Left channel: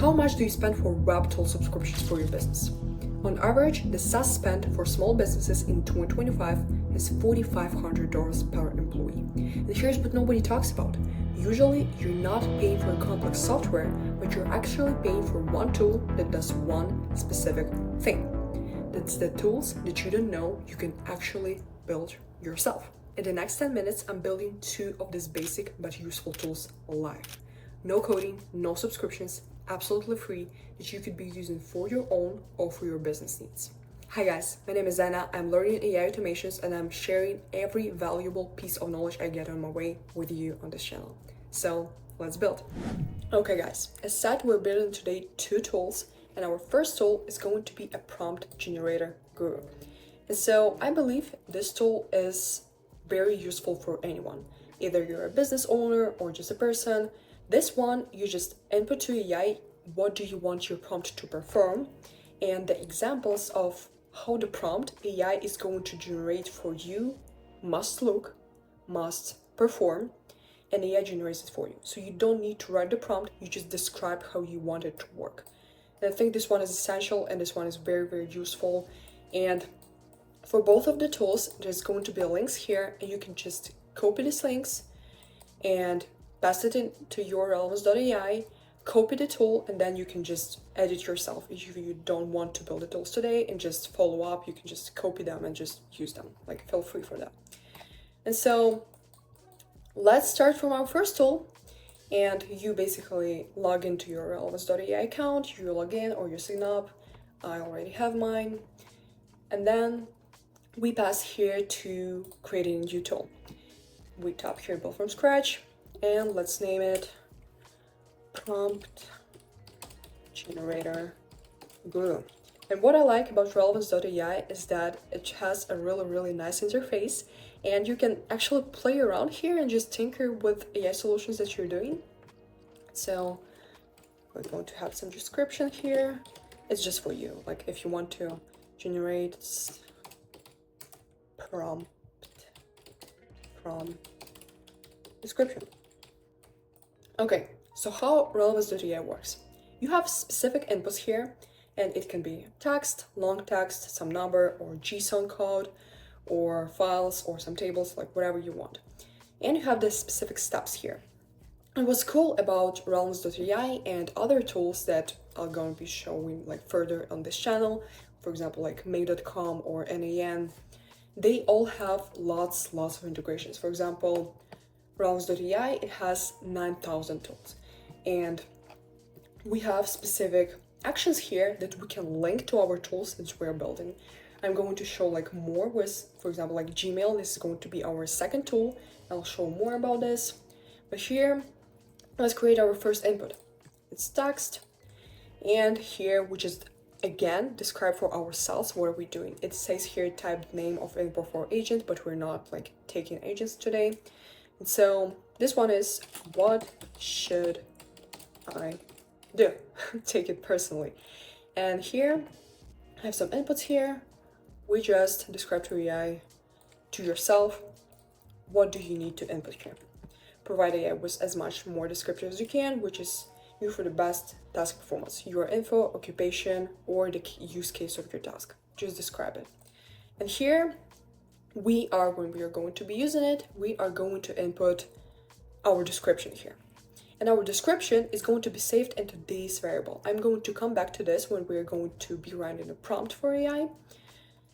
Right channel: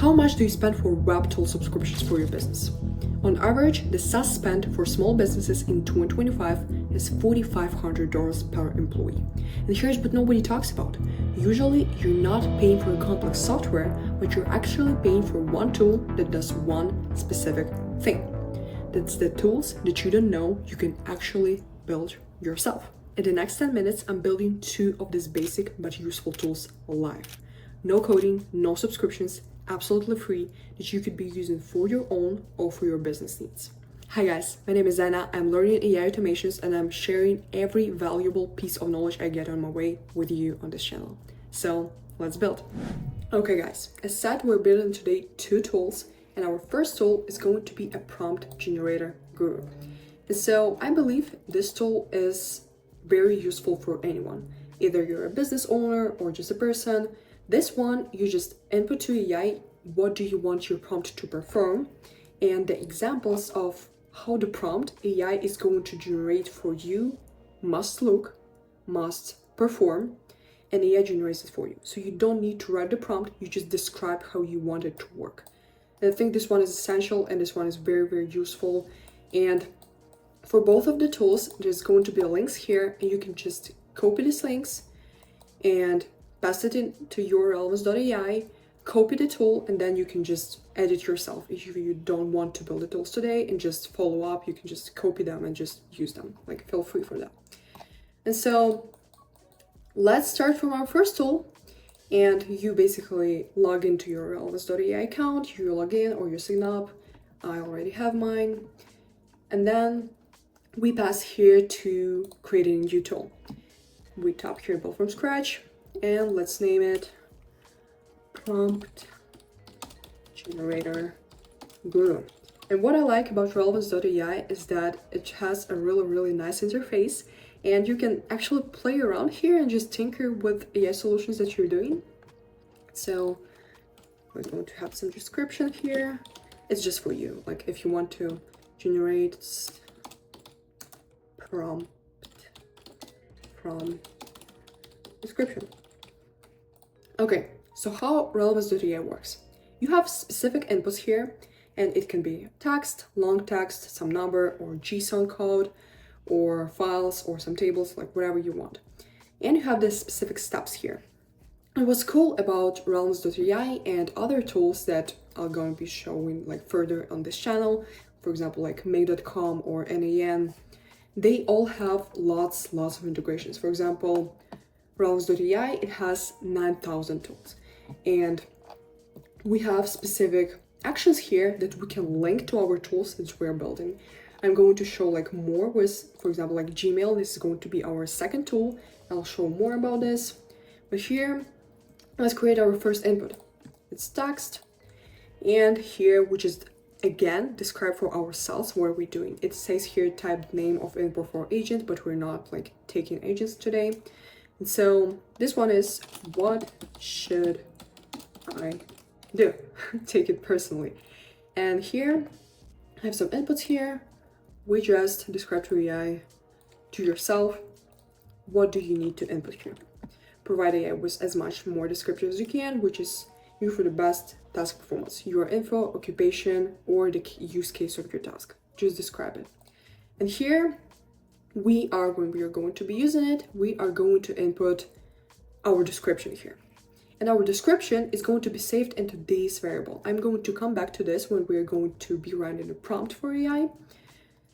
How much do you spend for web tool subscriptions for your business? On average, the SaaS spend for small businesses in 2025 is $4,500 per employee. And here's what nobody talks about. Usually, you're not paying for a complex software, but you're actually paying for one tool that does one specific thing. That's the tools that you don't know you can actually build yourself. In the next 10 minutes, I'm building 2 of these basic but useful tools live. No coding, no subscriptions, absolutely free, that you could be using for your own or for your business needs. Hi guys, my name is Anna. I'm learning AI automations and I'm sharing every valuable piece of knowledge I get on my way with you on this channel. So let's build. Okay guys, as said, we're building today 2 tools, and our first tool is going to be a prompt generator guru. And so I believe this tool is very useful for anyone. Either you're a business owner or just a person. This one, you just input to AI, what do you want your prompt to perform? And the examples of how the prompt AI is going to generate for you must look, must perform, and AI generates it for you. So you don't need to write the prompt, you just describe how you want it to work. And I think this one is essential and this one is very, very useful. And for both of the tools, there's going to be links here, and you can just copy these links and paste it into your Relevance.ai, copy the tool, and then you can just edit yourself. If you don't want to build the tools today and just follow up, you can just copy them and just use them. Like, feel free for that. And so let's start from our first tool. And you basically log into your Relevance.ai account, you log in or you sign up. I already have mine. And then we pass here to creating a new tool. We tap here build from scratch, and let's name it prompt generator guru. And what I like about Relevance.ai is that it has a really nice interface, and you can actually play around here and just tinker with AI solutions that you're doing. So we're going to have some description here. It's just for you, like if you want to generate prompt from description. Okay, so how Relevance.ai works. You have specific inputs here, and it can be text, long text, some number, or JSON code, or files, or some tables, like whatever you want. And you have the specific steps here. And what's cool about Relevance.ai and other tools that I'm going to be showing like further on this channel, for example, like Make.com or NAN, they all have lots of integrations. For example, Relevance.ai, it has 9,000 tools, and we have specific actions here that we can link to our tools that we're building. I'm going to show like more with, for example, like Gmail. This is going to be our second tool. I'll show more about this. But here, let's create our first input. It's text, and here we just again describe for ourselves what are we doing. It says here type name of input for agent, but we're not like taking agents today. And so this one is, what should I do? Take it personally. And here I have some inputs here. We just describe to AI, to yourself, what do you need to input here? Provide AI with as much more descriptive as you can, which is you for the best task performance, your info, occupation, or the use case of your task. Just describe it. And here when we are going to be using it, we are going to input our description here. And our description is going to be saved into this variable. I'm going to come back to this when we're going to be running a prompt for AI.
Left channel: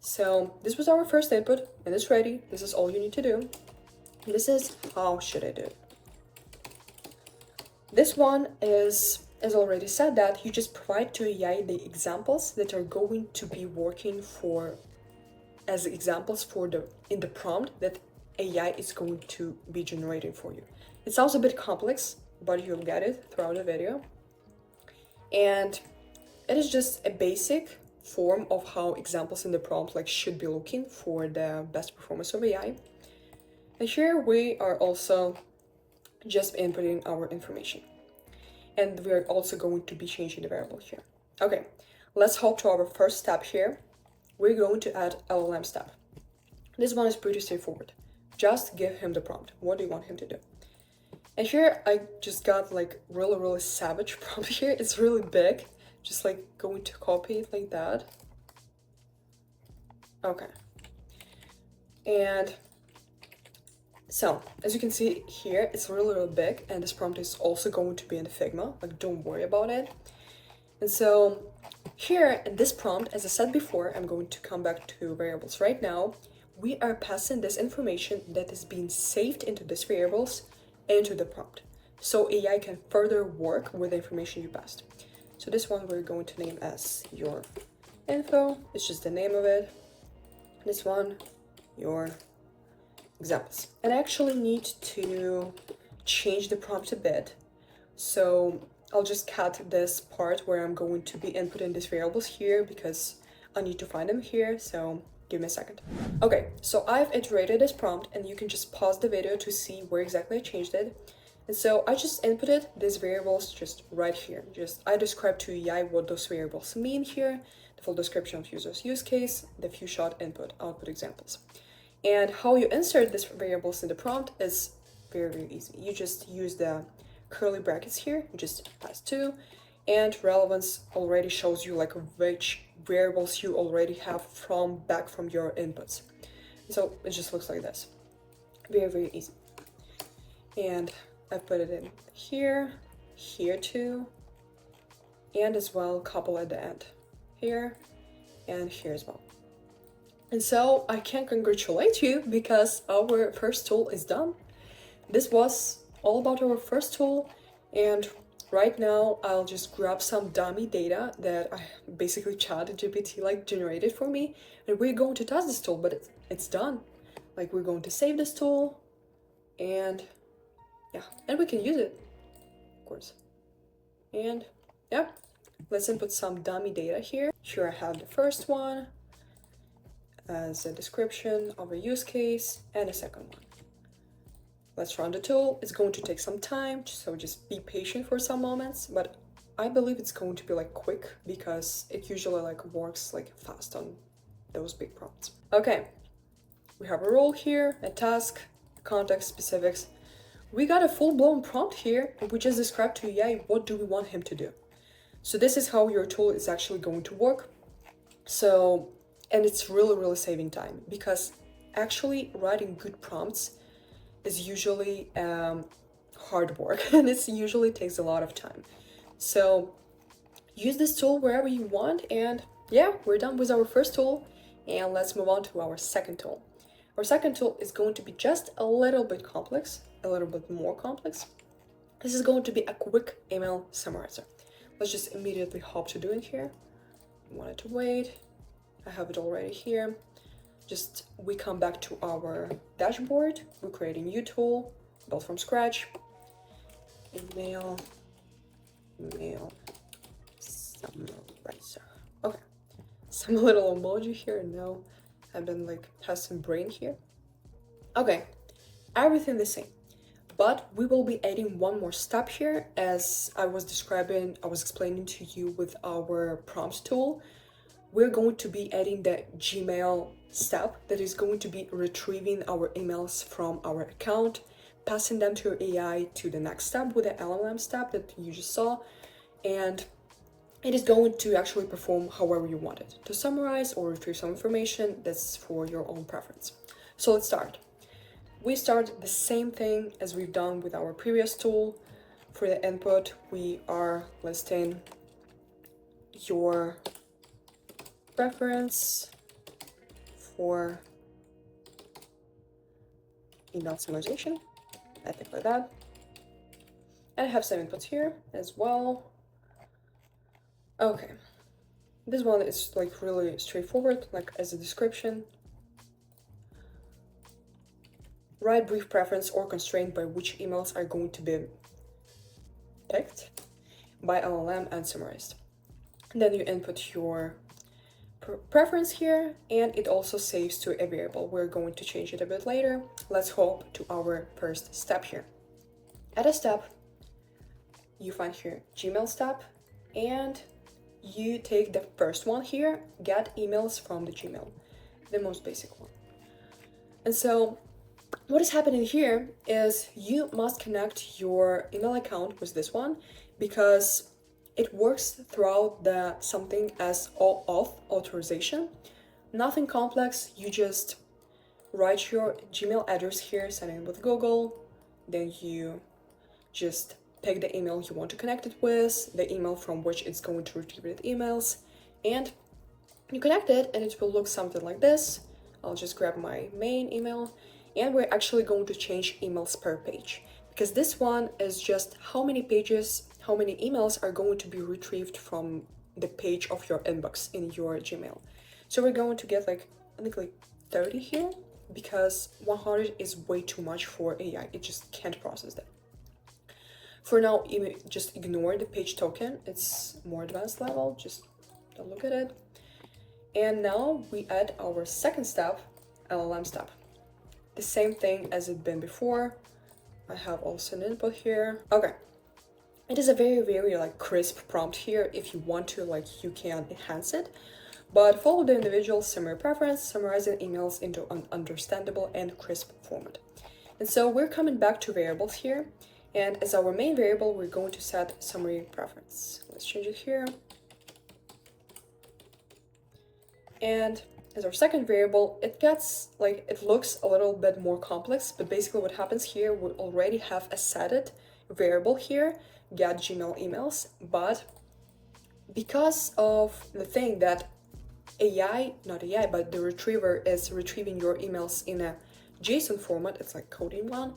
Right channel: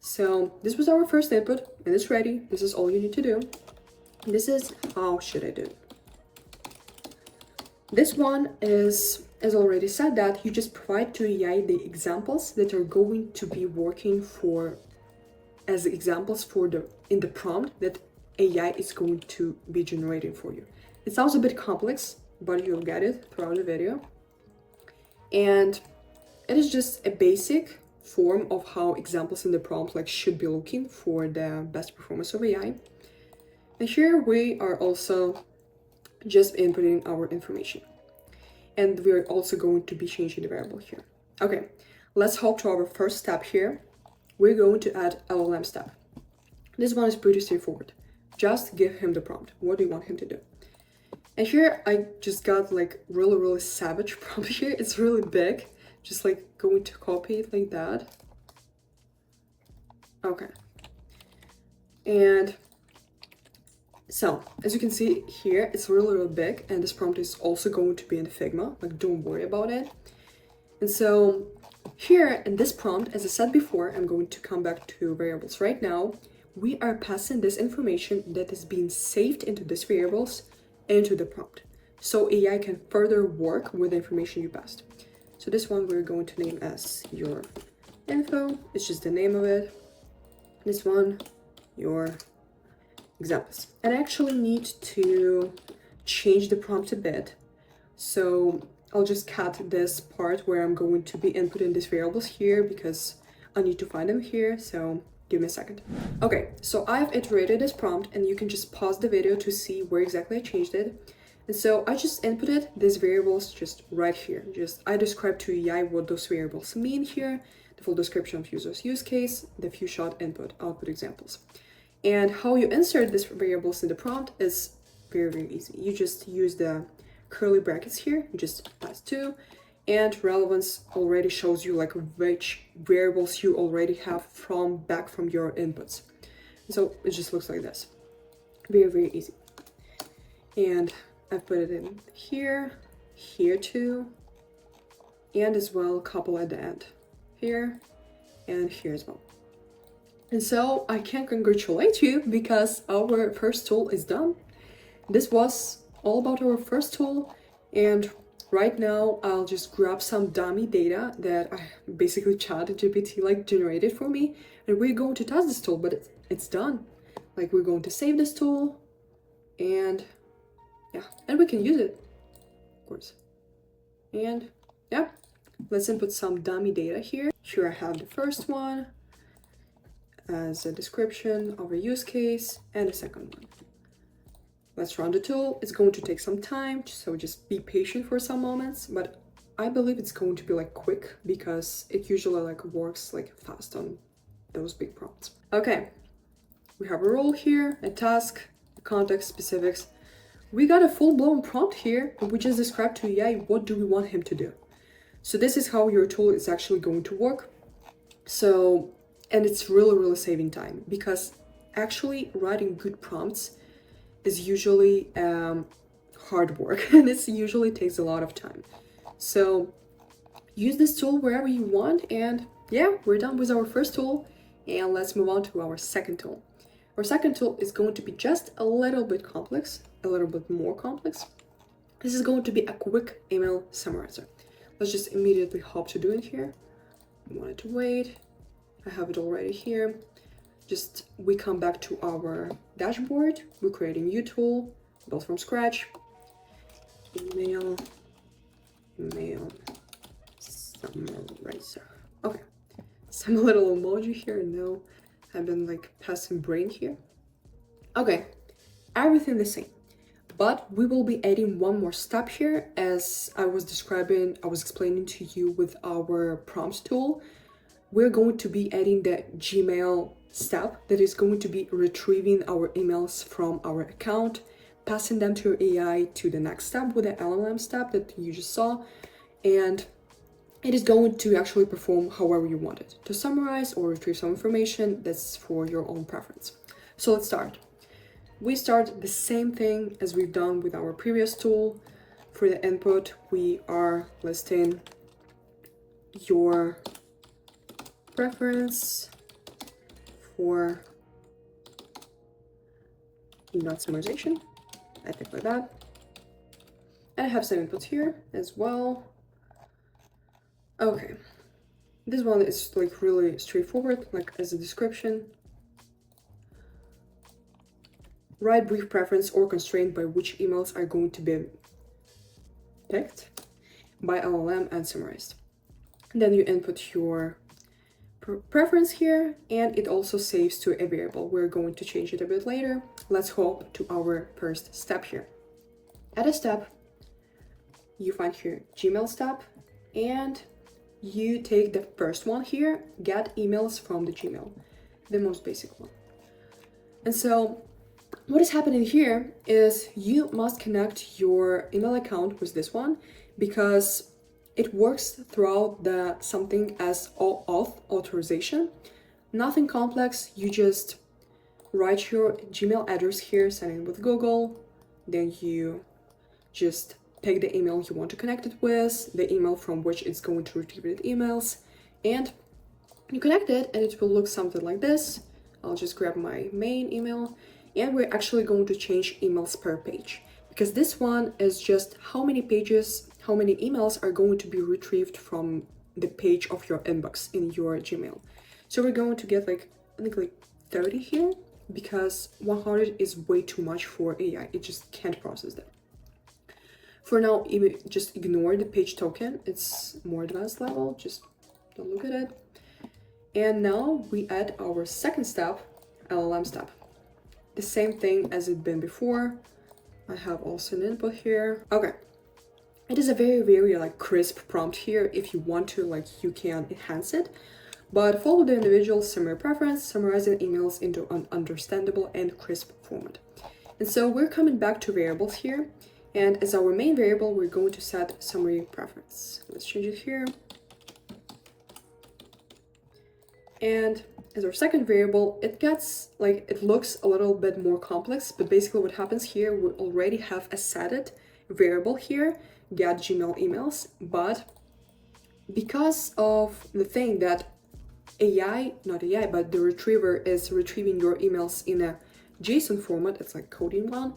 So this was our first input, and it's ready. This is all you need to do. This is how should I do it. This one is, as already said, that you just provide to AI the examples that are going to be working for as examples for in the prompt that AI is going to be generating for you. It sounds a bit complex, but you'll get it throughout the video. And it is just a basic form of how examples in the prompt like should be looking for the best performance of AI. And here we are also just inputting our information. And we're also going to be changing the variable here. Okay, let's hop to our first step here. We're going to add LLM step. This one is pretty straightforward. Just give him the prompt. What do you want him to do? And here I just got like really savage prompt here. It's really big. Just like going to copy it like that. Okay. And so, as you can see here, it's really big, and this prompt is also going to be in Figma, like don't worry about it. And so here in this prompt, as I said before, I'm going to come back to variables right now. We are passing this information that is being saved into these variables into the prompt. So AI can further work with the information you passed. So this one we're going to name as your info, it's just the name of it. This one, your examples. And I actually need to change the prompt a bit. So I'll just cut this part where I'm going to be inputting these variables here because I need to find them here. So give me a second. Okay, so I've iterated this prompt and you can just pause the video to see where exactly I changed it. And so I just inputted these variables just right here. I described to AI what those variables mean here, the full description of user's use case, the few shot input, output examples. And how you insert these variables in the prompt is very easy. You just use the curly brackets here, you just pass to, and relevance already shows you like which variables you already have back from your inputs. So it just looks like this. Very easy. And I've put it in here, here too, and as well a couple at the end, here and here as well. And so I can congratulate you because our first tool is done. This was all about our first tool, and right now I'll just grab some dummy data that I basically ChatGPT like generated for me, and we're going to test this tool, but it's done. Like we're going to save this tool, and yeah, and we can use it, of course. And yeah, let's input some dummy data here. Here I have the first one as a description of a use case and a second one. Let's run the tool. It's going to take some time, so just be patient for some moments, but I believe it's going to be like quick because it usually like works like fast on those big prompts. Okay, we have a role here, a task, context, specifics. We got a full-blown prompt here, and we just described to AI what do we want him to do. So this is how your tool is actually going to work. So, and it's really saving time because actually writing good prompts is usually hard work and it usually takes a lot of time. So use this tool wherever you want, and yeah, we're done with our first tool, and let's move on to our second tool. Our second tool is going to be just a little bit complex, a little bit more complex. This is going to be a quick email summarizer. Let's just immediately hop to doing here. I wanted to wait. I have it already here. Just we come back to our dashboard. We're creating a new tool, built from scratch. Email summarizer. Okay, some little emoji here. No, I've been like passing brain here. Okay, everything the same, but we will be adding one more step here. As I was explaining to you with our prompt tool, we're going to be adding the Gmail step that is going to be retrieving our emails from our account, passing them to AI to the next step with the LLM step that you just saw, and it is going to actually perform however you want it, to summarize or retrieve some information. That's for your own preference. So let's start. We start the same thing as we've done with our previous tool. For the input, we are listing your preference for email summarization, I think like that. And I have some inputs here as well. Okay, this one is like really straightforward, like as a description. Write brief preference or constraint by which emails are going to be picked by LLM and summarized. And then you input your preference here, and it also saves to a variable. We're going to change it a bit later. Let's hop to our first step here. At a step, you find here Gmail step, and you take the first one here, get emails from the Gmail, the most basic one. And so what is happening here is you must connect your email account with this one, because it works throughout the something as auth authorization. Nothing complex. You just write your Gmail address here, sign in with Google, then you just pick the email you want to connect it with, the email from which it's going to retrieve the emails, and you connect it, and it will look something like this. I'll just grab my main email, and we're actually going to change emails per page, because this one is just how many pages, how many emails are going to be retrieved from the page of your inbox in your Gmail. So we're going to get I think 30 here, because 100 is way too much for AI. It just can't process that. For now, just ignore the page token. It's more advanced level. Just don't look at it. And now we add our second step, LLM step. The same thing as it been before. I have also an input here. Okay. It is a very, very crisp prompt here. If you want to, you can enhance it. But follow the individual summary preference, summarizing emails into an understandable and crisp format. And so we're coming back to variables here. And as our main variable, we're going to set summary preference. Let's change it here. And as our second variable, it gets it looks a little bit more complex, but basically what happens here, we already have a setted variable here, get Gmail emails, but because of the thing that not AI, but the retriever is retrieving your emails in a JSON format, it's coding one,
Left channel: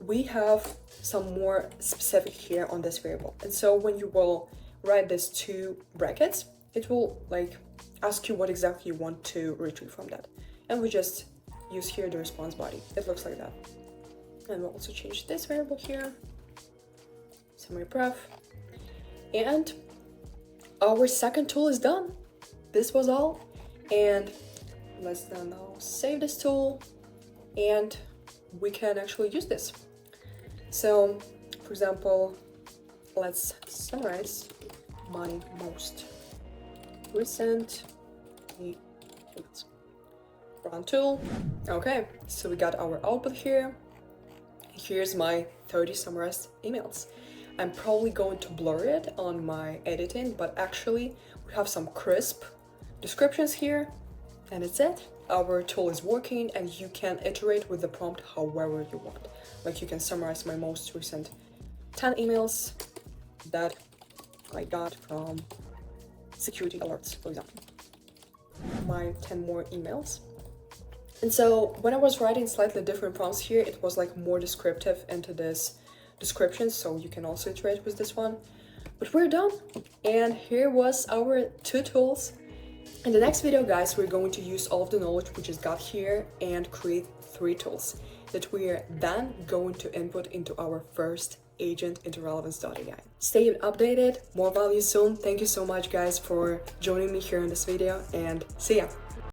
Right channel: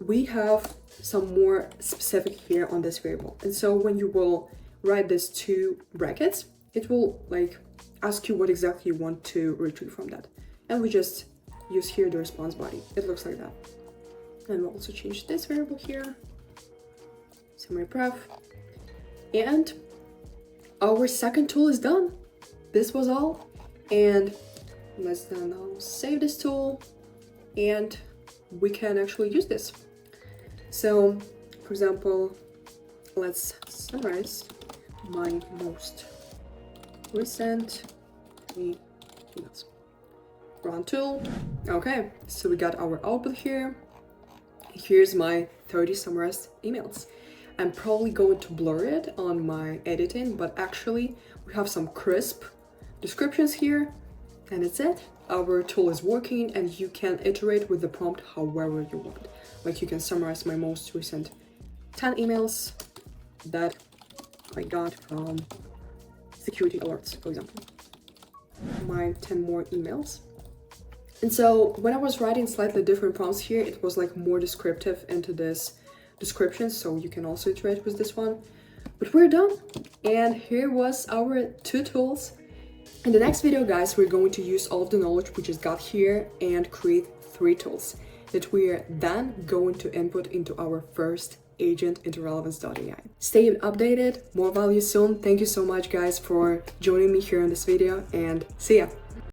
we have some more specific here on this variable. And so when you will write this two brackets, it will ask you what exactly you want to retrieve from that. And we just use here the response body. It looks like that. And we'll also change this variable here, summary pref. And our second tool is done. This was all. And let's now save this tool, and we can actually use this. So, for example, let's summarize my most recent emails. Run tool. Okay, so we got our output here. Here's my 30 summarized emails. I'm probably going to blur it on my editing, but actually we have some crisp descriptions here, and it's it. Our tool is working, and you can iterate with the prompt however you want. You can summarize my most recent 10 emails that I got from security alerts, for example. My 10 more emails. And so when I was writing slightly different prompts here, it was more descriptive into this description, so you can also iterate with this one. But we're done, and here was our 2 tools. In the next video, guys, we're going to use all of the knowledge we just got here and create 3 tools that we are then going to input into our first agent into Relevance.ai. Stay updated, more value soon. Thank you so much, guys, for joining me here in this video, and see ya!